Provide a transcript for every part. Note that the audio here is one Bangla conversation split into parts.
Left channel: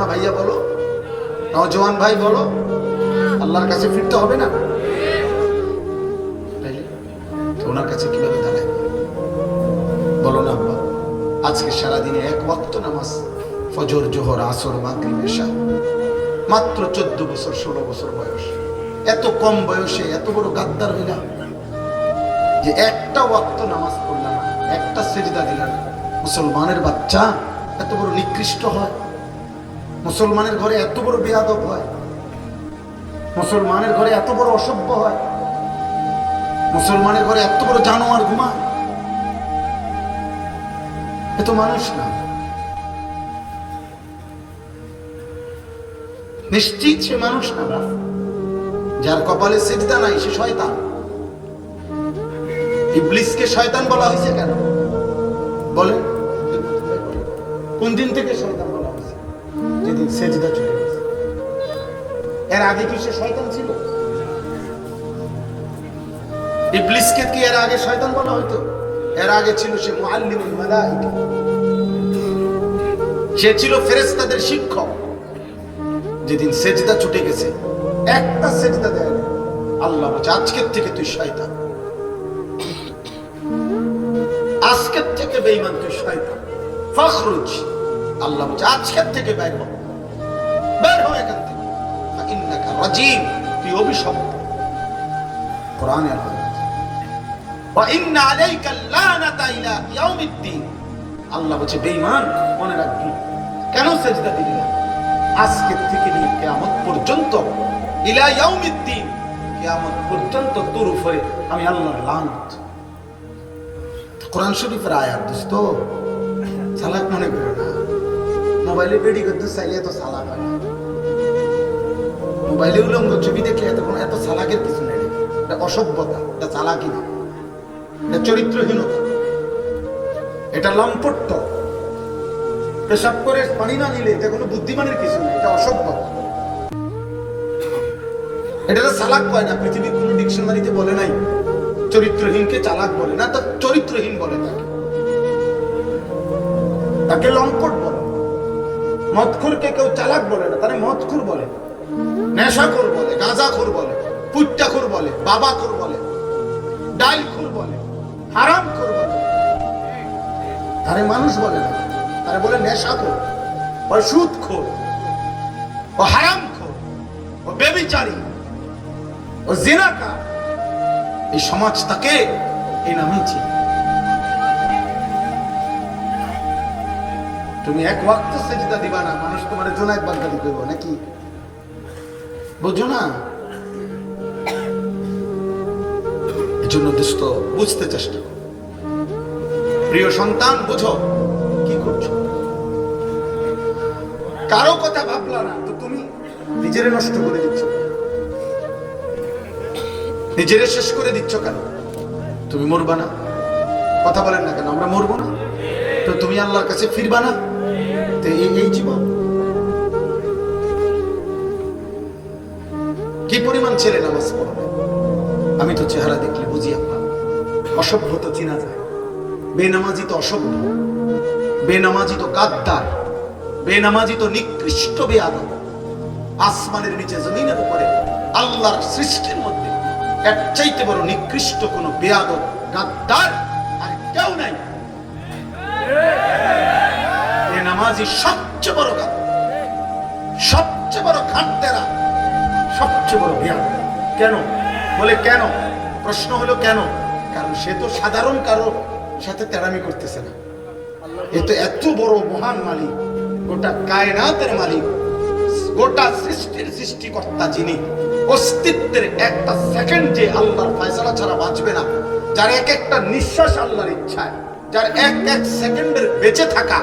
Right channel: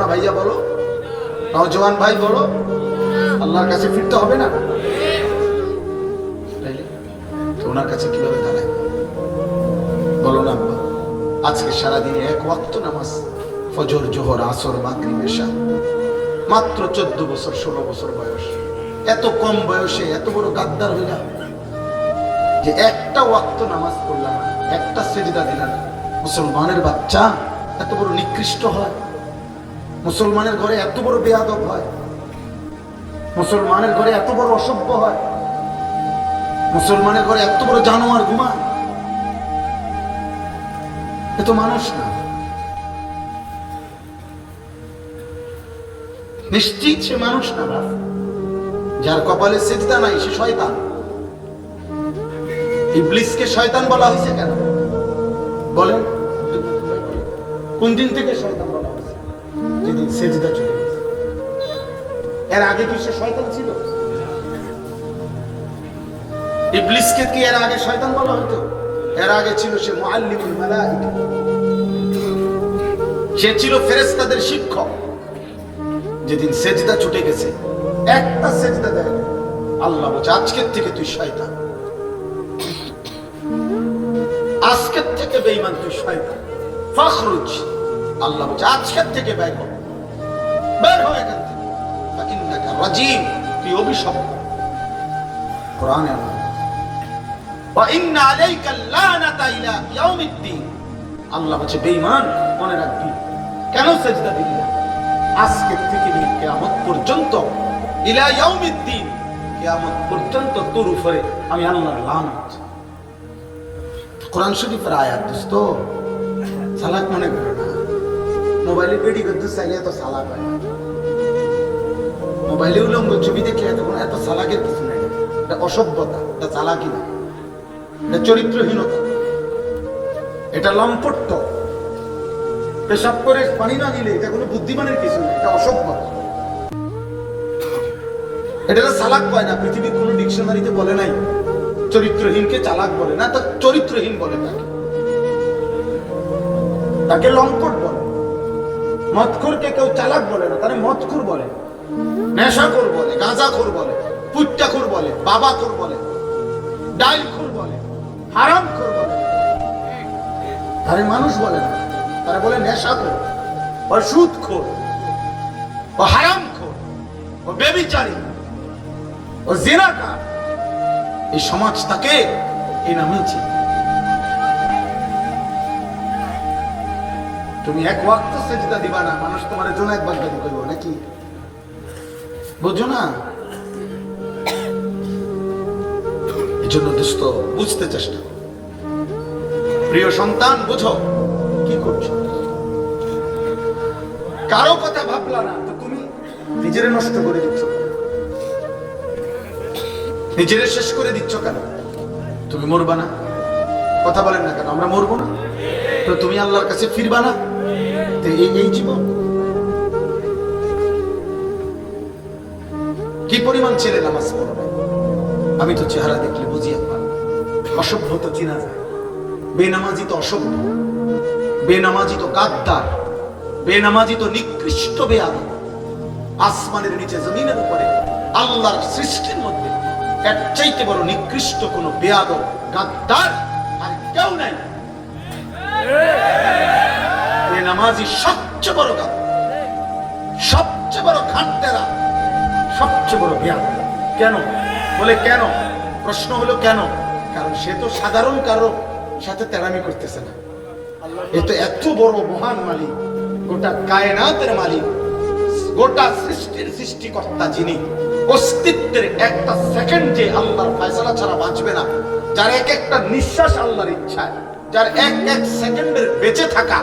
না ভাইয়া বলো, নওজোয়ান ভাই বলো, আল্লাহর কাছে ফিরতে হবে না? ওনার কাছে কিভাবে দাঁড়ায় বলো না আব্বা? আজকে সারাদিনে এক ওয়াক্ত নামাজ, ফজর, জোহর, আসর, মাগরিব, এশা, মাত্র 14 বছর 16 বছর বয়স। এত কম বয়সে এত বড় গাদ্দার হইলাম যে একটা ওয়াক্ত নামাজ পড়লাম, একটা সিজদা দিলাম। মুসলমানের বাচ্চা এত বড় নিকৃষ্ট হয়, মুসলমানের ঘরে এত বড় বেয়াদব হয়, মুসলমানের ঘরে এত বড় অসভ্য হয়, মুসলমানের ঘরে এত বড় জানোয়ার ঘুমা। এ তো মানুষ না, নিশ্চিত সে মানুষ না। যার কপালে সিজদা নাই সে শয়তান। ইবলিসকে শয়তান বলা হয়েছে কেন বলেন? কোন দিন থেকে শয়তান বলা হয়েছে? যেদিন সিজদা চলে গেছে। এর আগে কি সে শয়তান ছিল? ইবলিসকে কি এর আগে শয়তান বলা হতো? এর আগে ছিল সে মুআল্লিমুল মালায়েকা, সে ছিল ফেরেশতাদের শিক্ষক। যেদিন সিজদা ছুটে গেছে, একটা সিজদা দেয়, আল্লাহ বলে আজকের থেকে তুই শয়তান, আজকের থেকে বেঈমান তুই শয়তান, ফাখরুজ। আল্লাহ বলে আজকের থেকে বের হ, বের হ এখান থেকে, ফাইন্নাকা রাজিম, তুই অভিশপ্ত। কোরআনে ওয়া ইন্না আলাইকা লানাতা ইলা ইয়াউমিদ্দিন। আল্লাহ বলে বেঈমান মনে রাখবি কেন সিজদা দিলি? আজকের থেকে নিয়ে কিয়ামত পর্যন্ত, ইলা ইয়াউমিদ্দিন, কিয়ামত পর্যন্ত তোর উপরে আমি আল্লাহর লানত। কোরআন শরীফের আয়াত দোস্ত, সালাত মনে করে না। মোবাইলে বেডি করতে চাইলে এত সালাক হয় না। মোবাইলে উলঙ্গ ছবি দেখে এত সালাকের কিছু নেই। এটা অসভ্যতা, এটা চালাকি না, এটা চরিত্রহীনতা, এটা লম্পট্য। পেশাব করে পানি না নিলে এটা কোনো বুদ্ধিমানের কিছু না, এটা অসভ্য। এটা চালাক কয় না, পৃথিবীর কোন ডিকশনারিতে বলে নাই চরিত্রহীনকে চালাক বলে না, তো চরিত্রহীন বলে তাকে লম্পট বলে। মদখোরকে কেউ চালাক বলে না, তারা মদখোর বলে, নেশাখোর বলে, গাঁজাখোর বলে, পুট্টাখোর বলে, বাবাখোর বলে, ডাইলখোর বলে, হারামখোর বলে। আরে মানুষ বলে না, তারা বলে নেশাখোর, ও সুদখোর, ও হারামখোর, ও ব্যভিচারী, ও জিনাকার। এই সমাজ তাকে এই নামে চিনে। তুমি এক ওয়াক্ত সিজদা দিবা না, মানুষ তোমার জুনায়েদ বাগদাদি কইব নাকি? বুঝো না? এজন্য দোস্ত বুঝতে চেষ্টা, প্রিয় সন্তান বুঝো কি করছো। কারো কথা ভাবলা না তো তুমি নিজেরে নষ্ট করে দিচ্ছ, নিজেরে শেষ করে দিচ্ছ কেন? তুমি মরবা না? কথা বলেন না কেন? আমরা মরবো না তো তুমি আল্লাহর কাছে ফিরবা না? তো এই জীবন কি পরিমাণ ছেলে নামাজ পড়বে? আমি তো চেহারা দেখলে বুঝি অসভ্য তো চিনা যায়। বেনামাজি তো অসভ্য, বেনামাজি তো গাদ্দার, বেনামাজি তো নিকৃষ্ট বেয়াদব। আসমানের নিচে জমিনের উপরে আল্লাহর সৃষ্টির মধ্যে এর চাইতে বড় নিকৃষ্ট কোন বেয়াদব গাদ্দার আর কেউ নাই। বেনামাজি সবচেয়ে বড় গাদ্দার, সবচেয়ে বড় খানতেরা, সবচেয়ে বড় বেয়াদব। কেন বলে? কেন? প্রশ্ন হলো কেন? কারণ সে তো সাধারণ কারো সাথে তেড়ামি করতেছে না। এ তো এত বড় মহান মালিক, গোটা কায়নাতের মালিক, গোটা সৃষ্টির সৃষ্টিকর্তা, যিনি অস্তিত্বের একটা সেকেন্ড যে আল্লাহর ফয়সালা ছাড়া বাঁচবে না, যার এক একটা নিঃশ্বাস আল্লাহর ইচ্ছায়, যার এক এক সেকেন্ডের বেঁচে থাকা,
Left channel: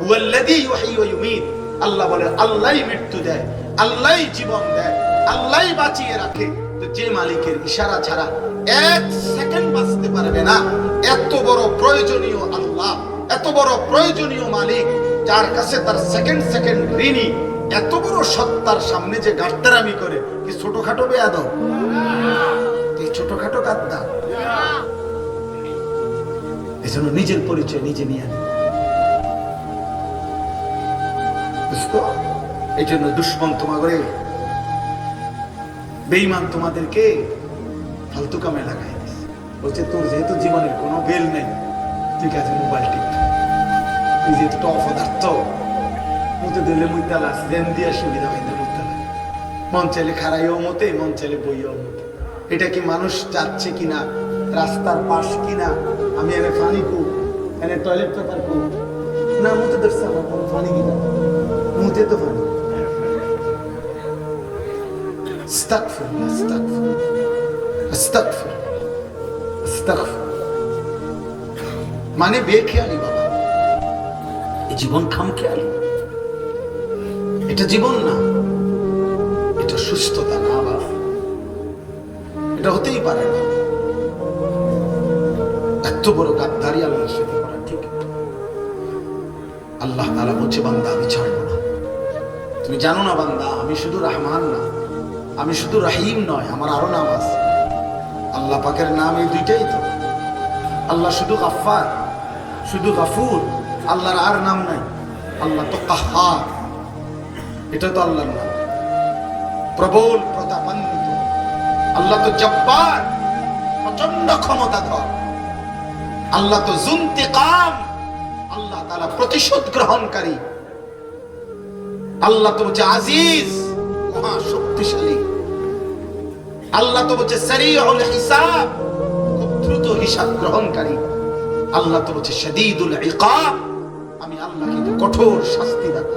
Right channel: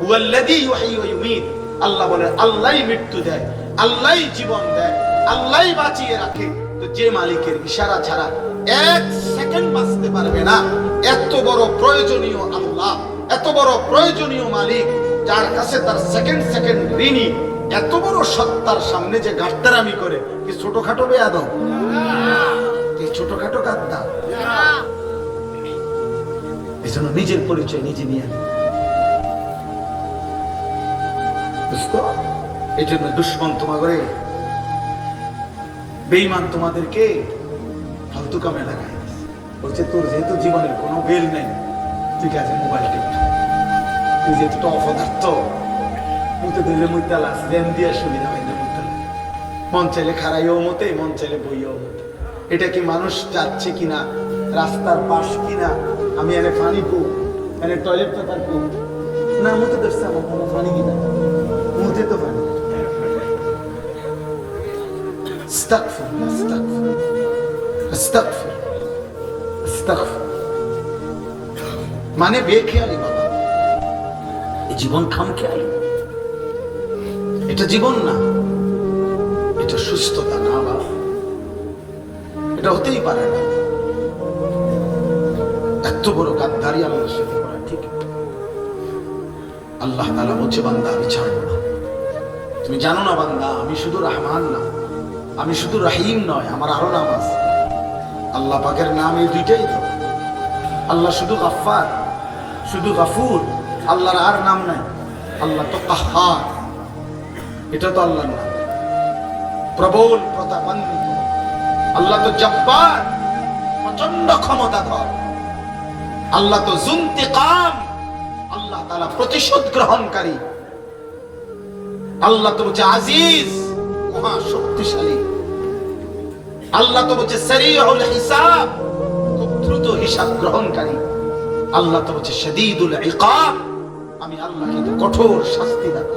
হুয়াল্লাযী ইউহয়ী ওয়া ইউমীত। আল্লাহ বলে আল্লাহই মৃত্যু দেয়, আল্লাহই জীবন দেয়, আল্লাহই বাঁচিয়ে রাখে। তো যে মালিকের ইশারা ছাড়া এক সেকেন্ড বাঁচতে পারবে না, এত বড় প্রয়োজনীয় আল্লাহ, এত বড় প্রয়োজনীয় মালিক, যার কাছে তার সেকেন্ড সেকেন্ড ঋণী, এত বড় সত্তার সামনে যে গাদ্দারামি করে, কি ছোটখাটো বেয়াদব? এই ছোটখাটো গাদ্দার। এই জন্য নিজের পরিচয় নিজে নিয়ে এই জন্য দুশ্মন তোমাদের, বেঈমান তোমাদেরকে ফালতু কামে লাগায় বলছে, তোর যেহেতু জীবনের কোনো বেল নেই, তুই কাছে মোবাইল টিপ, তুই যেহেতু অপদার্থ, মুখে দিলে মুখে লাস দেন দিয়া সুবিধা হয় না, মন চাইলে খারাইও মতে, মন চাইলে বইও মতে। এটা কি মানুষ যাচ্ছে কিনা, রাস্তার পাশ কিনা, আমি এনে পানি কু, এনে টয়লেট পেপার কু, না মুখে দেখছে আমার কোনো পানি কিনা, মুখে তো পানি। আস্তাগফিরুল্লাহ, আস্তাগফিরুল্লাহ, আস্তাগফিরুল্লাহ, আস্তাগফিরুল্লাহ। মানে বেখেয়ালি বাবা, এই জীবন খামখেয়ালি, এটা জীবন না, এটা সুস্থতা না বাবা, এটা হতেই পারে না। এত বড় গাদ্দারি আমাদের সাথে করা ঠিক না। আল্লাহ তাআলা বলছে, বান্দা আমি ছাড়ব না। তুমি জানো না বান্দা, আমি শুধু রহমান না, আমি শুধু রহিম নয়, আমার আরো নাম আছে। আল্লাহ পাকের নাম এই দুইটাই তো। আল্লাহ শুধু গাফফার, শুধু গাফুর, আল্লাহর আর নাম নাই। আল্লাহ তো কাহ্হার, এটা তো আল্লাহর নাম। প্রবল প্রতাপান্বিত আল্লাহ তো জব্বার, প্রচন্ড ক্ষমতাধর। আল্লাহ তো যুনতিকাম, আল্লাহ তাআলা প্রতিশোধ গ্রহণকারী। আল্লাহ তো হচ্ছে আজিজ, মহা শক্তিশালী। আল্লাহ তো হচ্ছে সারিউল হিসাব, দ্রুত হিসাব গ্রহণকারী। আল্লাহ তো হচ্ছে শাদীদুল ইকাব, আমি আল্লাহ কিন্তু কঠোর শাস্তি দাতা।